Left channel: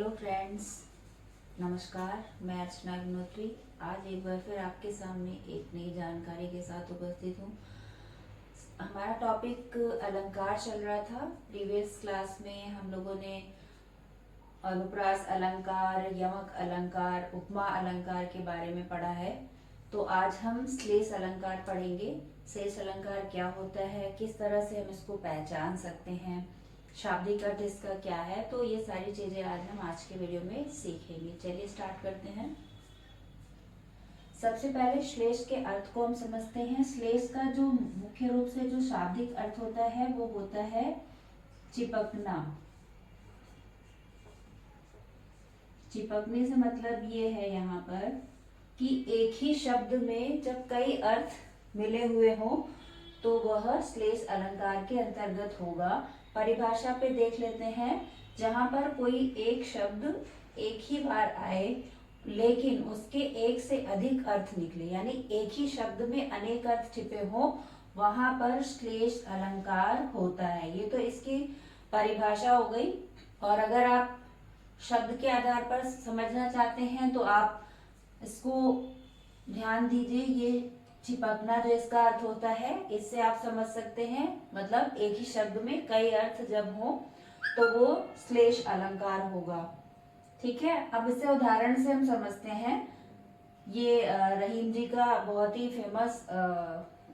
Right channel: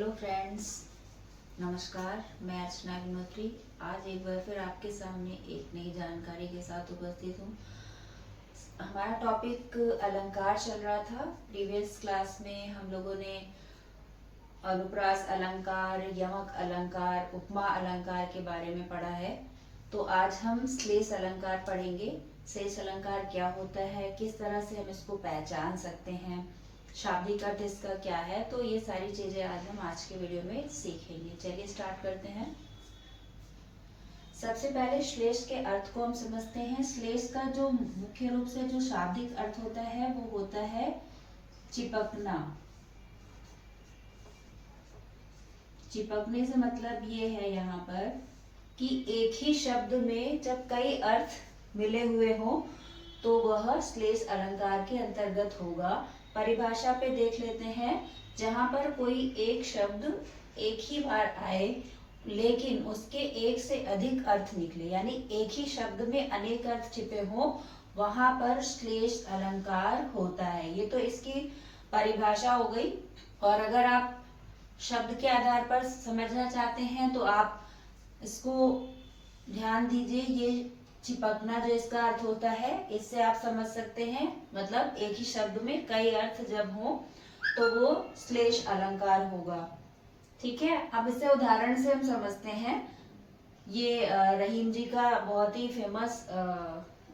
Hello friends, नमस्कार। मैं अर्चना अग्निहोत्री आज एक बार फिर आपके सामने एक नई जानकारी के साथ उपस्थित हूँ। हमारा टॉपिक अलंकार चल रहा था। प्रीवियस क्लास में हम लोगों ने अनुप्रास अलंकार, यमक अलंकार, उपमा अलंकार के बारे में पढ़ा है। तो आज हम श्लेष अलंकार पढ़ेंगे। श्लेष अलंकार क्या होता है, किस तरह से हम इसको पहचान सकते हैं, शाब्दिक अर्थ इसका क्या है, तो ये सारी चीजें आज के वीडियो में सीखेंगे। चलिए स्टार्ट करते हैं। सबसे पहले श्लेष के अर्थ को हम समझते हैं। श्लेष का जो मुख्य रूप से जो शाब्दिक अर्थ होता है वो होता है चिपकना। चिपकने से मतलब ये है यहाँ पर कि एक ही शब्द में जब कई अर्थ मिले हुए हो तो वह श्लेष अलंकार के अंतर्गत होगा। परिभाषा पे देख लेते हैं। जहां पर कोई एक शब्द एक ही बार आए लेकिन उसके एक से अधिक अर्थ निकले, यानी एक ही शब्द में अनेक अर्थ छिपे हो, वहां पर श्लेष अलंकार होता है। ये तो इसकी परिभाषा हो गई। और अगर आप शब्द के आधार पर समझना चाहते हैं तो आप इसको ध्यान दीजिए। ये चिपकना जो इसका अर्थ होता है, इससे आप समझ सकते हैं, मतलब एक ही शब्द में कई अर्थ जब हो तो वो श्लेष अलंकार होगा। ठीक है, अब इसे उदाहरण से हम समझते हैं। ये रहीम जी का बहुत ही फेमस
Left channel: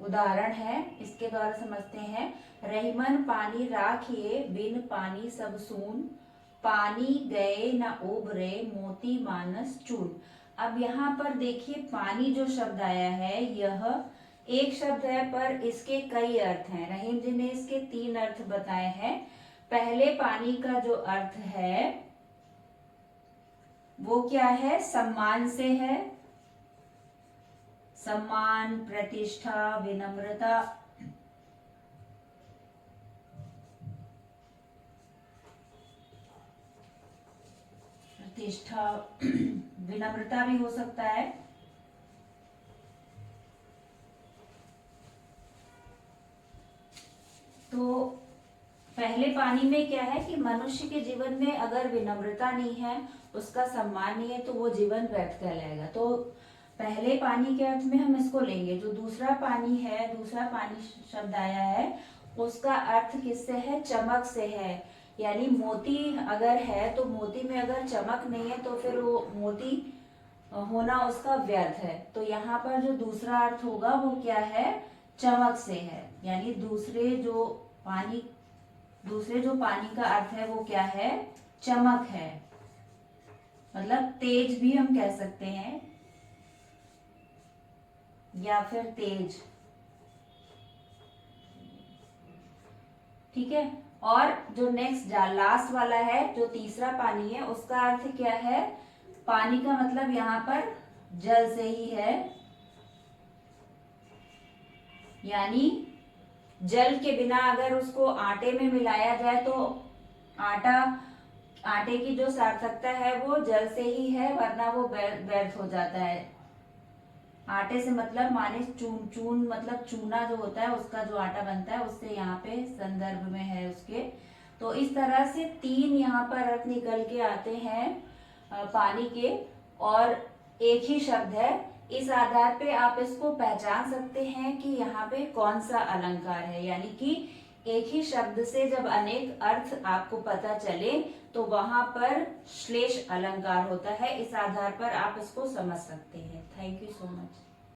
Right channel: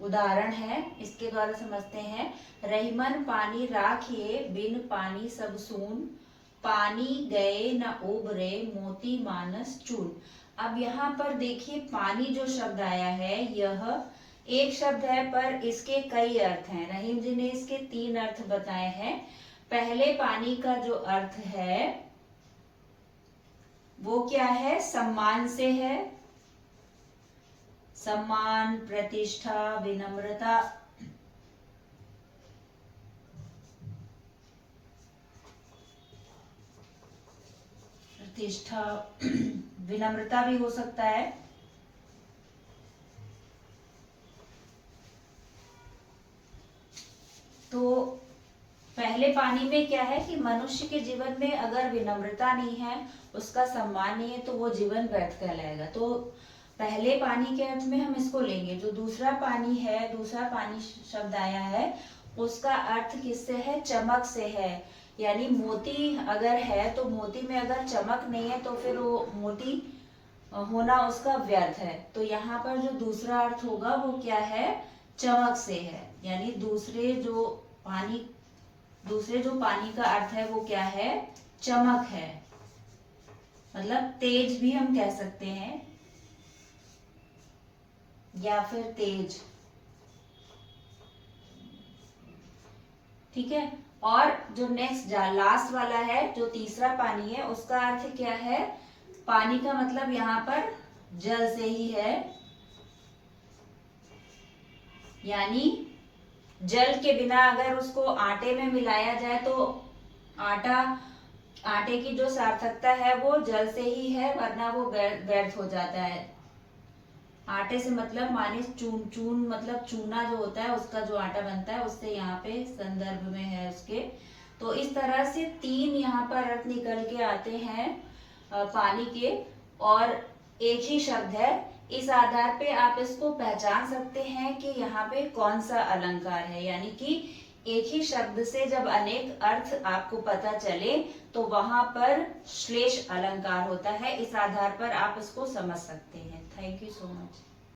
उदाहरण है, इसके द्वारा समझते हैं। रहीमन पानी राखिए, बिन पानी सब सून, पानी गए न उभरे, मोती मानस चून। अब यहाँ पर देखिए, पानी जो शब्द आया है यह एक शब्द है पर इसके कई अर्थ हैं। रहीम जी ने इसके 3 अर्थ बताए हैं। पहले पानी का जो अर्थ है वो क्या है? सम्मान से है। सम्मान, प्रतिष्ठा, विनम्रता। प्रतिष्ठा, विनम्रता भी हो सकता है। तो पहले पानी में क्या है कि मनुष्य के जीवन में अगर विनम्रता नहीं है, उसका सम्मान नहीं है, तो वो जीवन व्यर्थ कहलाएगा। तो पहले पानी के अर्थ में हम इसको लेंगे। जो दूसरा पानी है, दूसरा पानी शब्द आया है, उसका अर्थ किससे है? चमक से है। यानी मोती अगर है तो मोती में अगर चमक नहीं है तो फिर वो मोती होना उसका व्यर्थ है। तो यहाँ पर जो दूसरा अर्थ होगा वो क्या है? चमक से है। यानी दूसरे जो पानी का अर्थ है वो क्या है? चमक है, मतलब तेज भी हम कह सकते हैं, या फिर तेज। ठीक है। और जो नेक्स्ट लास्ट वाला है, जो तीसरा पानी है, उसका अर्थ क्या है? पानी का मतलब यहाँ पर जल से ही है। यानी जल के बिना अगर उसको आटे में मिलाया जाए तो आटे की जो सार्थकता है वो जल से ही है, वरना वो व्यर्थ हो जाता है। आटे से मतलब माने चून मतलब चूना जो होता है, उसका जो आटा बनता है, उससे यहाँ पे संदर्भ में है उसके। तो इस तरह से 3 यहाँ पर अर्थ निकल के आते हैं पानी के, और एक ही शब्द है। इस आधार पे आप इसको पहचान सकते हैं कि यहाँ पे कौन सा अलंकार है। यानी कि एक ही शब्द से जब अनेक अर्थ आपको पता चले तो वहां पर श्लेष अलंकार होता है। इस आधार पर आप इसको समझ सकते हैं। Thank you so much.